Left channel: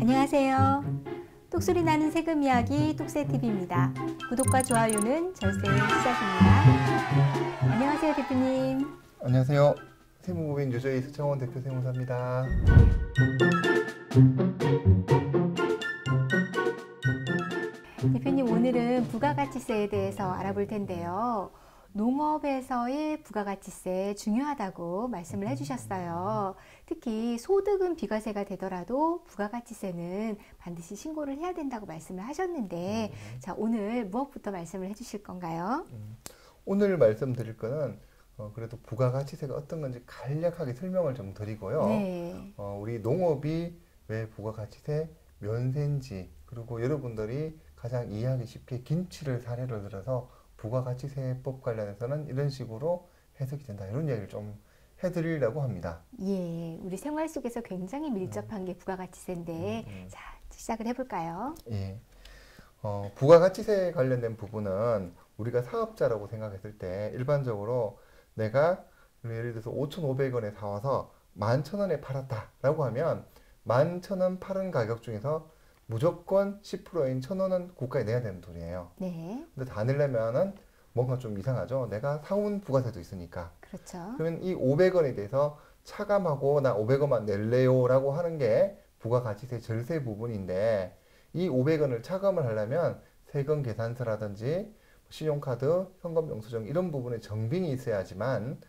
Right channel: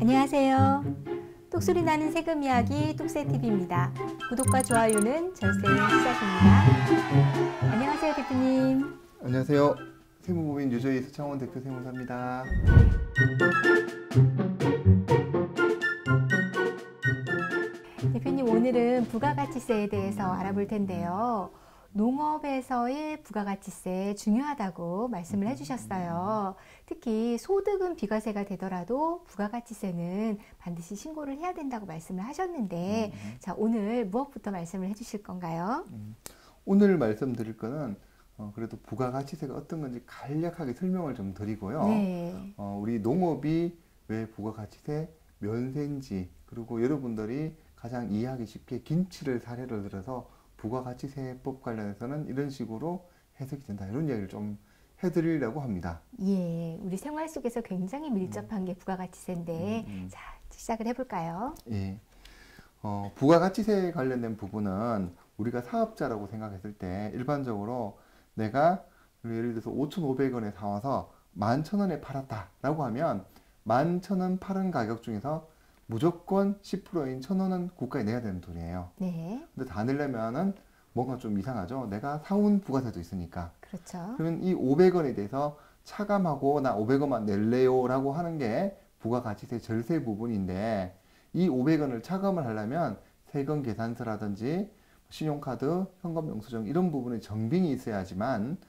안녕하세요. 똑소리 나는 세금 이야기 똑세TV입니다. 구독과 좋아요는 절세의 시작입니다. 안녕하세요, 대표님. 안녕하세요. 세무법인 유저희 수창원 대표 세무사입니다. 대표님, 오늘은 부가가치세에 대해서 알아볼 텐데요. 농업에서의 부가가치세 중요하다고 말씀을 해주셨어요. 특히 소득은 비과세가 되더라도 부가가치세는 반드시 신고를 해야 된다고 말씀을 하셨는데, 자, 오늘 무엇부터 말씀을 해주실 건가요? 오늘 말씀드릴 거는 그래도 부가가치세가 어떤 건지 간략하게 설명을 좀 드리고요. 네. 우리 농업이 왜 부가가치세 면세인지, 그리고 여러분들이 가장 이해하기 쉽게 김치를 사례로 들어서 부가가치세법 관련해서는 이런 식으로 해석이 된다, 이런 얘기를 좀 해드리려고 합니다. 예, 우리 생활 속에서 굉장히 밀접한 게 부가가치세인데, 자, 시작을 해볼까요? 예. 부가가치세 관련된 부분은 우리가 사업자라고 생각했을 때 일반적으로 내가 예를 들어서 5,500원에 사와서 11,000원에 팔았다라고 하면 11,000원 파는 가격 중에서 무조건 10%인 1,000원은 국가에 내야 되는 돈이에요. 네. 근데 다 내려면은 뭔가 좀 이상하죠. 내가 사온 부가세도 있으니까. 그렇죠. 그러면 이 500원에 대해서 차감하고 나 500원만 낼래요 라고 하는 게 부가가치세 절세 부분인데, 이 500원을 차감을 하려면 세금 계산서라든지 신용카드, 현금영수증 이런 부분에 정빙이 있어야지만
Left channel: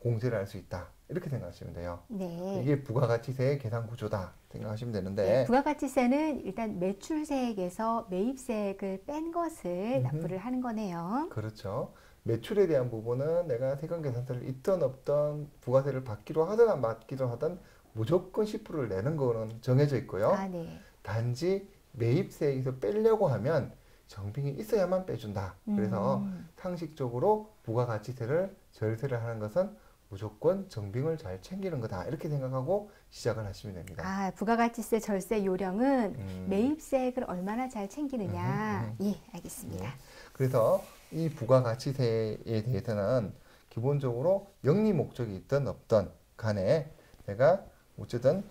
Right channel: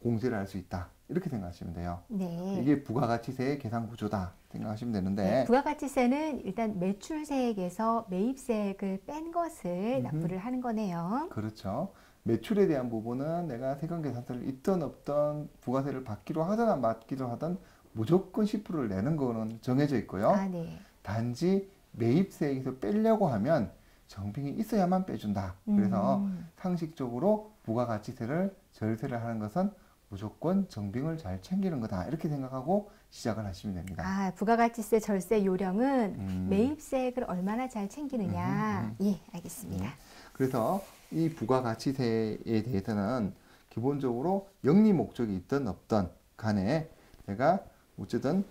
공제를 할 수 있다, 이렇게 생각하시면 돼요. 네. 이게 부가가치세의 계산 구조다 생각하시면 되는데, 네, 부가가치세는 일단 매출세액에서 매입세액을 뺀 것을 납부를 하는 거네요. 그렇죠. 매출에 대한 부분은 내가 세금 계산서를 있든 없든 부가세를 받기로 하든 안 받기로 하든 무조건 10%를 내는 거는 정해져 있고요. 네. 단지 매입세액에서 빼려고 하면 정빙이 있어야만 빼준다. 그래서 상식적으로 부가가치세를 절세를 하는 것은 무조건 정빙을 잘 챙기는 거다, 이렇게 생각하고 시작을 하시면 됩니다. 부가가치세 절세 요령은 매입세액을 얼마나 잘 챙기느냐. 예, 알겠습니다. 그래서 이 부가가치세에 대해서는 기본적으로 영리 목적이 있든 없든 간에 내가 어쨌든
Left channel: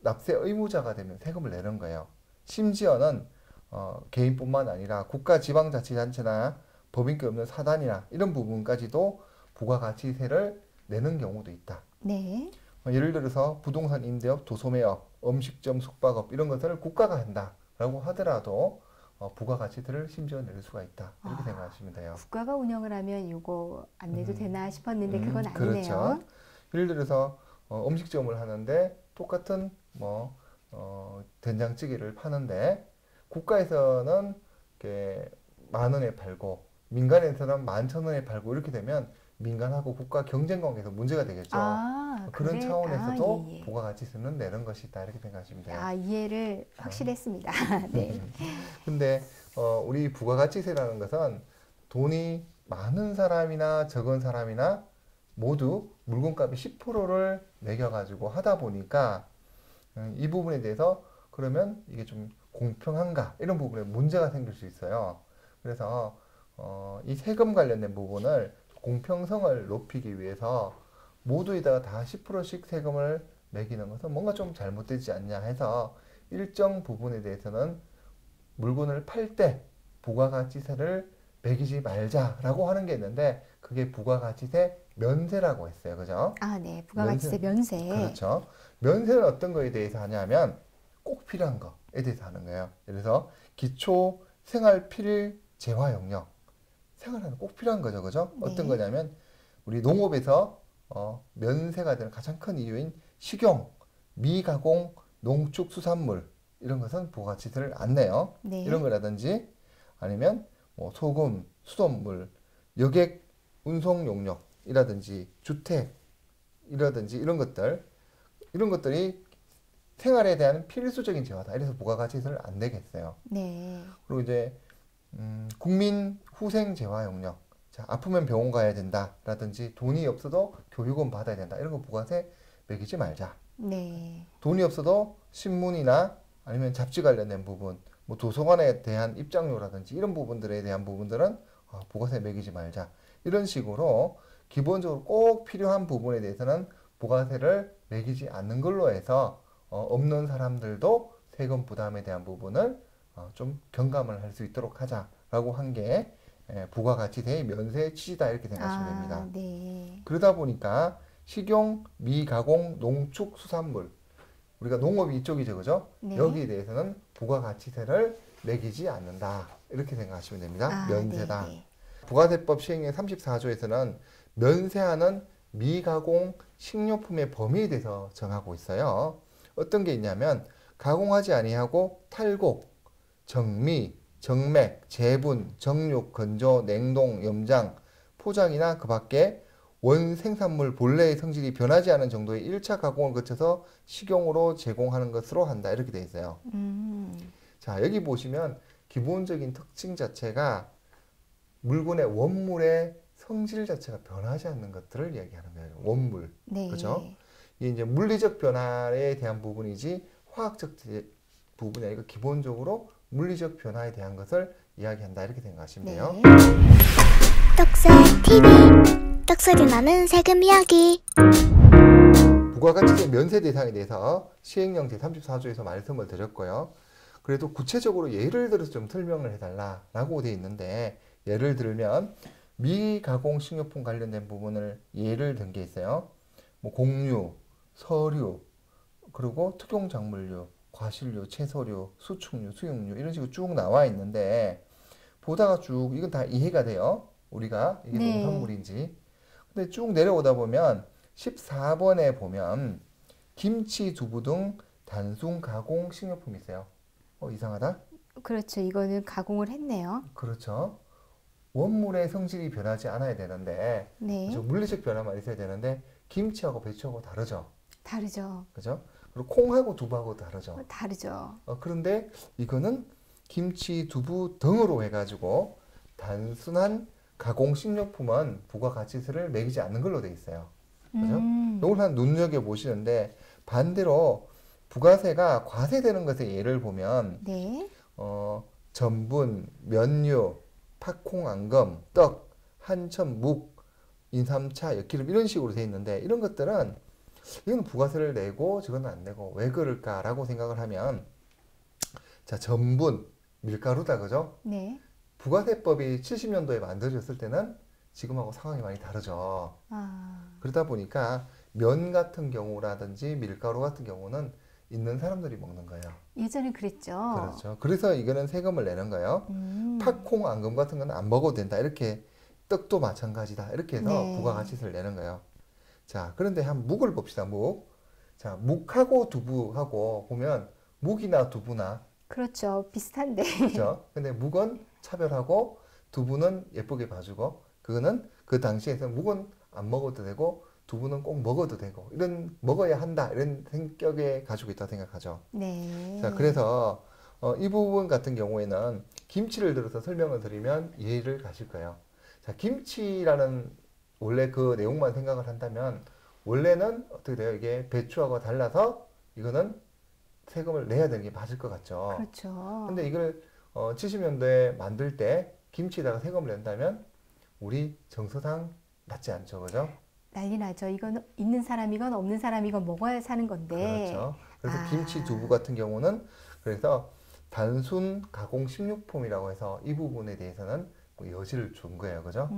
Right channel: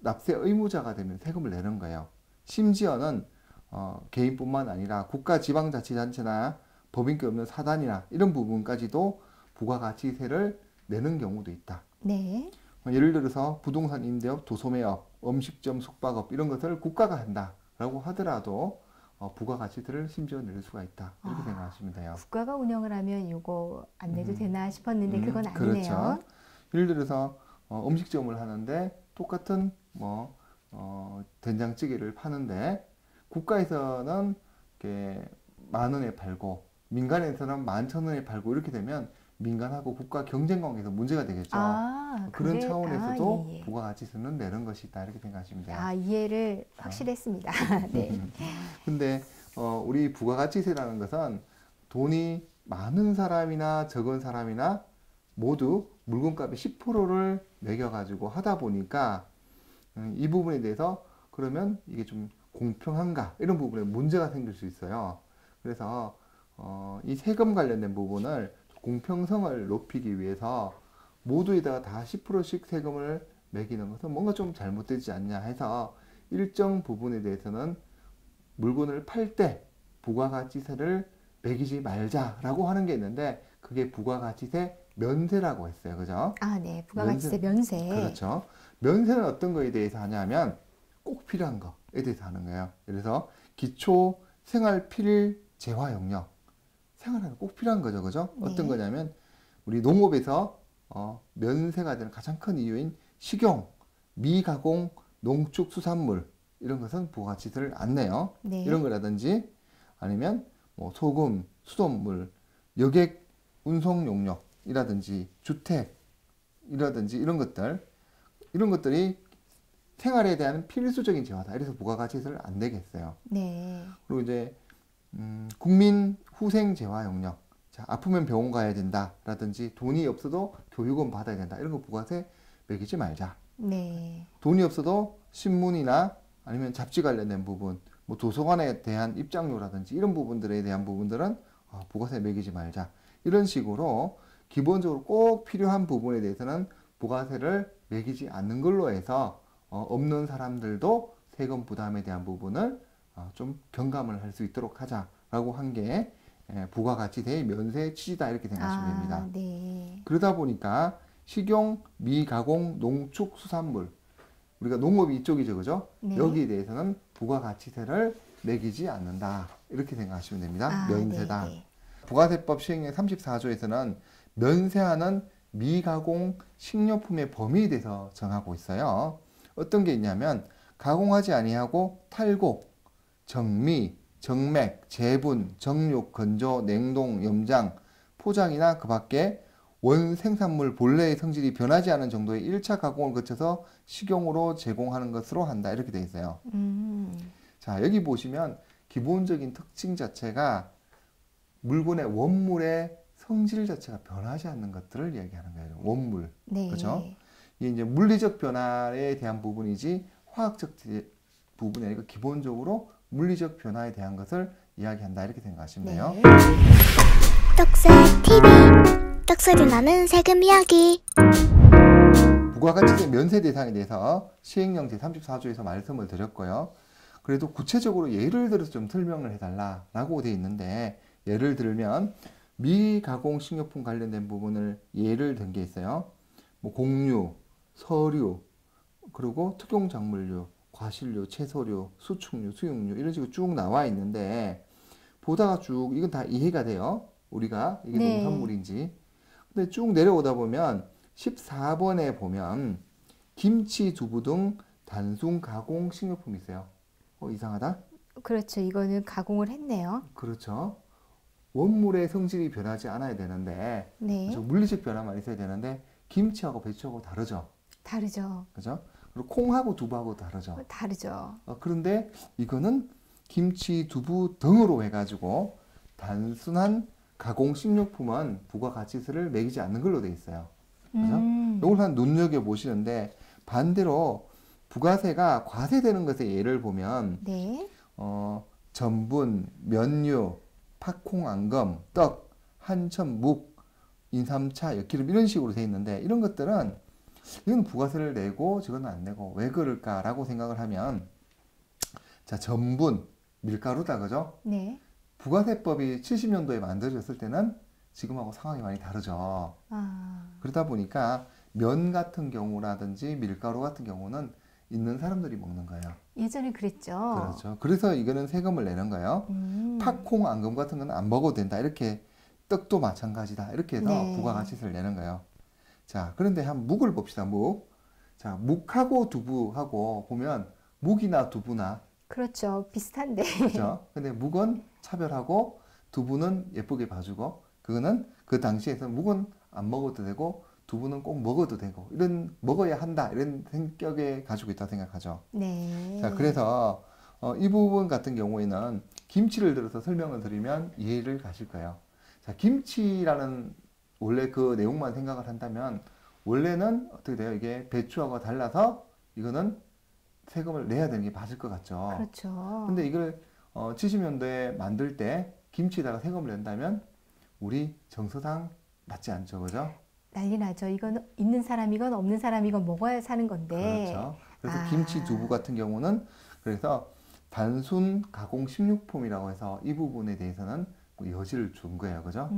납세 의무자가 되면 세금을 내는 거예요. 심지어는 개인뿐만 아니라 국가 지방자치단체나 법인기 없는 사단이나 이런 부분까지도 부가가치세를 내는 경우도 있다. 네. 예를 들어서 부동산 임대업, 도소매업, 음식점, 숙박업 이런 것을 국가가 한다라고 하더라도 부가가치세를 심지어 낼 수가 있다, 이렇게 생각하시면 돼요. 국가가 운영을 하면 이거 안 내도 되나 싶었는데 그건 아니네요. 그렇죠. 예를 들어서 음식점을 하는데 똑같은 된장찌개를 파는데 국가에서는 이렇게 10,000원에 팔고 민간에서는 11,000원에 팔고, 이렇게 되면 민간하고 국가 경쟁 관계에서 문제가 되겠죠. 그런 차원에서도 예. 부가가치세는 내는 것이다, 이렇게 생각하시면 돼요. 이해를 확실했습니다. 네. 근데 우리 부가가치세라는 것은 돈이 많은 사람이나 적은 사람이나 모두 물건값의 10%를 매겨가지고 하다 보니까 이 부분에 대해서 그러면 이게 좀 공평한가, 이런 부분에 문제가 생길 수 있어요. 그래서 이 세금 관련된 부분을 공평성을 높이기 위해서 모두에다가 다 10%씩 세금을 매기는 것은 뭔가 좀 잘못되지 않냐 해서 일정 부분에 대해서는 물건을 팔 때 부가가치세를 매기지 말자라고 하는 게 있는데, 그게 부가가치세 면세라고 했어요. 그죠? 네. 부가가치세 면세. 그렇죠. 면세는 어떤 거에 대해서 하냐면 꼭 필요한 거에 대해서 하는 거예요. 그래서 기초 생활 필일 재화 영역. 생활하는 꼭 필요한 거죠. 그죠? 네. 어떤 거냐면 우리 농업에서 면세가 되는 가장 큰 이유인 식용, 미가공, 농축수산물 이런 것은 부가가치세를 안 내요. 네. 이런 거라든지 아니면 소금, 수돗물, 여객 운송 용역이라든지 주택이라든지 이런 것들이 생활에 대한 필수적인 재화다. 이래서 부가가치세를 안 내겠어요. 네. 그리고 이제 국민 후생 재화 영역. 자, 아프면 병원 가야 된다라든지 돈이 없어도 교육은 받아야 된다. 이런 거 부가세 매기지 말자. 네. 돈이 없어도 신문이나 아니면 잡지 관련된 부분, 도서관에 대한 입장료라든지 이런 부분들에 대한 부분들은 부가세 매기지 말자. 이런 식으로 기본적으로 꼭 필요한 부분에 대해서는 부가세를 매기지 않는 걸로 해서 없는 사람들도 세금 부담에 대한 부분을 좀 경감을 할 수 있도록 하자라고 한 게 부가가치세의 면세 취지다 이렇게 생각하시면 됩니다. 네. 그러다 보니까 식용, 미가공, 농축, 수산물 우리가 농업이 이쪽이죠, 그죠? 네. 여기에 대해서는 부가가치세를 매기지 않는다 이렇게 생각하시면 됩니다. 면세다. 네. 부가세법 시행령 34조에서는 면세하는 미가공 식료품의 범위에 대해서 정하고 있어요. 어떤 게 있냐면 가공하지 아니하고 탈곡, 정미, 정맥, 재분, 정육, 건조, 냉동, 염장, 포장이나 그 밖에 원 생산물 본래의 성질이 변하지 않은 정도의 1차 가공을 거쳐서 식용으로 제공하는 것으로 한다 이렇게 되어 있어요. 자, 여기 보시면 기본적인 특징 자체가 물건의 원물의 성질 자체가 변하지 않는 것들을 얘기하는 거예요. 원물. 네. 그렇죠? 이게 이제 물리적 변화에 대한 부분이지 화학적 부분이 아니고 기본적으로 물리적 변화에 대한 것을 이야기한다 이렇게 생각하시면 돼요. 네. 떡살 TV 떡소리 나는 세금 이야기. 부가가치세 면세 대상에 대해서 시행령 제34조에서 말씀을 드렸고요. 그래도 구체적으로 예를 들어서 좀 설명을 해달라라고 되어 있는데 예를 들면 미가공 식료품 관련된 부분을 예를 든 게 있어요. 뭐 곡류, 서류, 그리고 특용작물류, 과실류, 채소류, 수축류, 수육류 이런 식으로 쭉 나와 있는데 보다가 쭉 이건 다 이해가 돼요. 우리가 이게 네. 농산물인지. 근데 쭉 내려오다 보면 14번에 보면 김치, 두부 등 단순 가공 식료품이 있어요. 이상하다? 그렇죠. 이거는 가공을 했네요. 그렇죠. 원물의 성질이 변하지 않아야 되는데 네. 물리적 변화만 있어야 되는데 김치하고 배추하고 다르죠. 다르죠. 그죠? 그리고 콩하고 두부하고 다르죠. 다르죠. 그런데 이거는 김치, 두부 등으로 해가지고 단순한 가공 식료품은 부가가치세를 매기지 않는 걸로 돼 있어요. 이걸 한 눈여겨 보시는데 반대로 부가세가 과세되는 것의 예를 보면 네. 전분, 면류, 팥콩, 앙금, 떡, 한천, 묵, 인삼차, 엿기름 이런 식으로 돼 있는데 이런 것들은 이건 부가세를 내고 저거는 안 내고 왜 그럴까라고 생각을 하면 자 전분, 밀가루다 그죠? 네. 부가세법이 70년도에 만들어졌을 때는 지금하고 상황이 많이 다르죠. 그러다 보니까 면 같은 경우라든지 밀가루 같은 경우는 있는 사람들이 먹는 거예요. 예전에 그랬죠. 그렇죠. 그래서 이거는 세금을 내는 거예요. 팥콩, 앙금 같은 건 안 먹어도 된다. 이렇게 떡도 마찬가지다. 이렇게 해서 네. 부가가치세를 내는 거예요. 자, 그런데 한 묵을 봅시다. 묵. 자, 묵하고 두부하고 보면 묵이나 두부나 그렇죠. 비슷한데. 그렇죠. 근데 묵은 차별하고 두부는 예쁘게 봐주고 그거는 그 당시에서 묵은 안 먹어도 되고 두부는 꼭 먹어도 되고 이런 먹어야 한다 이런 성격에 가지고 있다 생각하죠. 네. 자, 그래서 이 부분 같은 경우에는 김치를 들어서 설명을 드리면 이해를 가실 거예요. 자, 김치라는 원래 그 내용만 생각을 한다면 원래는 어떻게 돼요? 이게 배추하고 달라서 이거는 세금을 내야 되는 게 맞을 것 같죠. 그렇죠. 근데 이걸 70년대에 만들 때 김치에다가 세금을 낸다면 우리 정서상 맞지 않죠, 그죠? 난리 나죠. 이건 있는 사람이건 없는 사람이건 먹어야 사는 건데. 그렇죠. 그래서 김치, 두부 같은 경우는 그래서 단순 가공 식료품이라고 해서 이 부분에 대해서는 뭐 여지를 준 거예요, 그죠?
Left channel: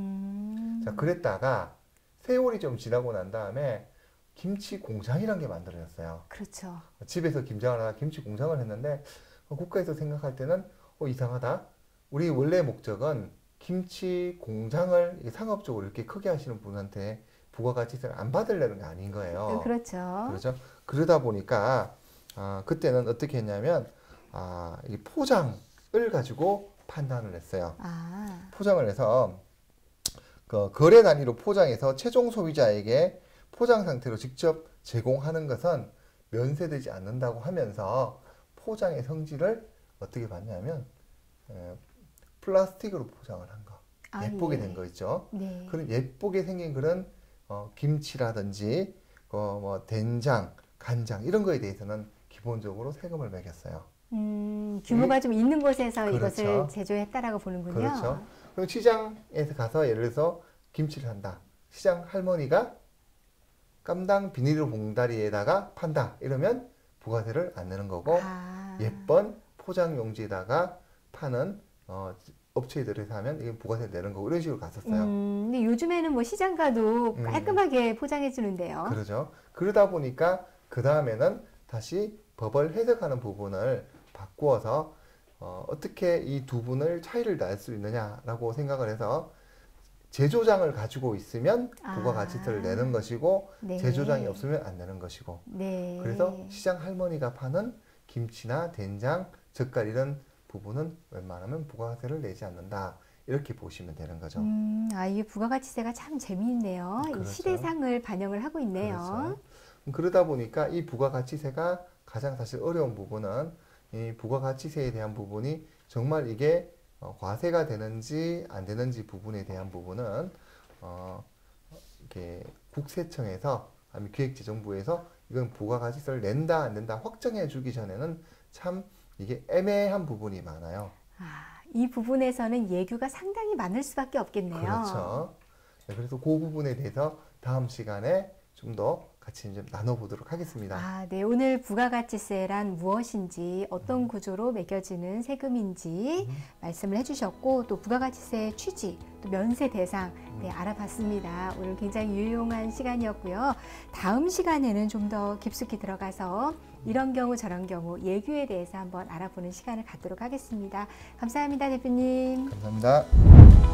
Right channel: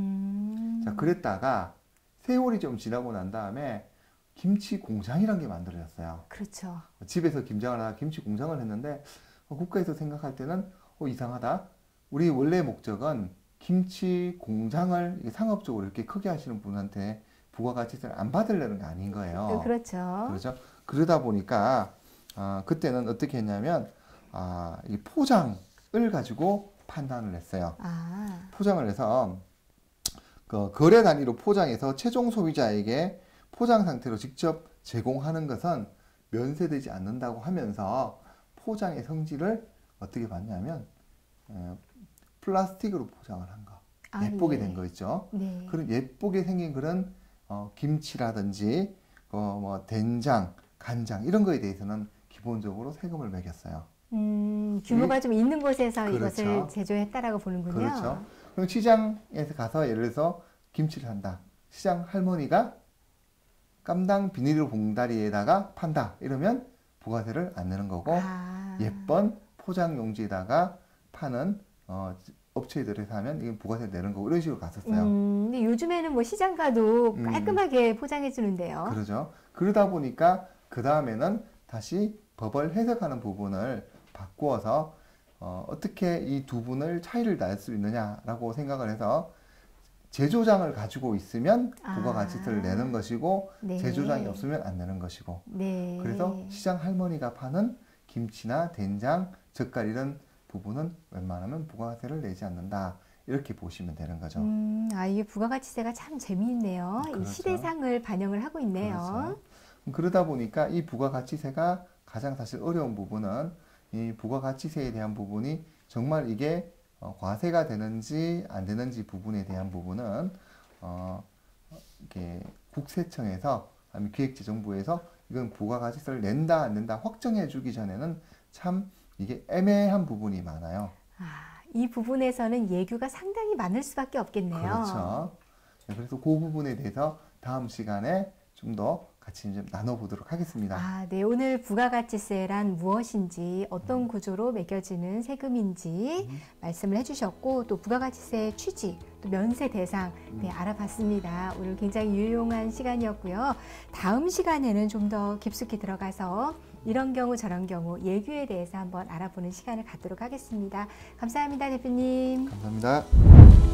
자, 그랬다가 세월이 좀 지나고 난 다음에 김치 공장이라는 게 만들어졌어요. 그렇죠. 집에서 김장을 하다가 김치 공장을 했는데 국가에서 생각할 때는 이상하다. 우리 원래 목적은 김치 공장을 상업적으로 이렇게 크게 하시는 분한테 부가가치세를 안 받으려는 게 아닌 거예요. 그렇죠. 그렇죠? 그러다 보니까 그때는 어떻게 했냐면 이 포장을 가지고 판단을 했어요. 포장을 해서 그 거래 단위로 포장해서 최종 소비자에게 포장 상태로 직접 제공하는 것은 면세되지 않는다고 하면서 포장의 성질을 어떻게 봤냐면 플라스틱으로 포장을 한 거. 예쁘게 된 거 있죠. 네. 그런 예쁘게 생긴 그런 김치라든지 뭐 된장, 간장 이런 거에 대해서는 기본적으로 세금을 매겼어요. 규모가 좀 있는 곳에서 그렇죠. 이것을 제조했다라고 보는군요. 그렇죠. 그럼 시장에서 가서 예를 들어서 김치를 한다. 시장 할머니가 깜당 비닐 봉다리에다가 판다 이러면 부가세를 안 내는 거고 예쁜 포장 용지에다가 파는 업체들에서 하면 이게 부가세 내는 거고 이런 식으로 갔었어요. 근데 요즘에는 뭐 시장 가도 깔끔하게 포장해 주는데요. 그러죠. 그러다 보니까 그 다음에는 다시 법을 해석하는 부분을 바꾸어서 어떻게 이 두 분을 차이를 날 수 있느냐라고 생각을 해서 제조장을 가지고 있으면 부가가치세를 내는 것이고 네. 제조장이 없으면 안 내는 것이고 네. 그래서 시장 할머니가 파는 김치나 된장, 젓갈 이런 부분은 웬만하면 부가세를 내지 않는다. 이렇게 보시면 되는 거죠. 이게 부가가치세가 참 재미있네요. 그렇죠. 이 시대상을 반영을 하고 있네요. 그렇죠. 그러다 보니까 이 부가가치세가 가장 사실 어려운 부분은 이 부가가치세에 대한 부분이 정말 이게 과세가 되는지 안 되는지 부분에 대한 부분은 이렇게 국세청에서 아니면 기획재정부에서 이건 부가가치세를 낸다 안 낸다 확정해 주기 전에는 참 이게 애매한 부분이 많아요. 이 부분에서는 예규가 상당히 많을 수밖에 없겠네요. 그렇죠. 그래서 그 부분에 대해서 다음 시간에 좀 더 같이 좀 나눠보도록 하겠습니다. 네. 오늘 부가가치세란 무엇인지 어떤 구조로 매겨지는 세금인지 말씀을 해주셨고 또 부가가치세의 취지, 또 면세 대상 알아봤습니다. 오늘 굉장히 유용한 시간이었고요. 다음 시간에는 좀 더 깊숙이 들어가서 이런 경우 저런 경우 예규에 대해서 한번 알아보는 시간을 갖도록 하겠습니다. 감사합니다, 대표님. 감사합니다.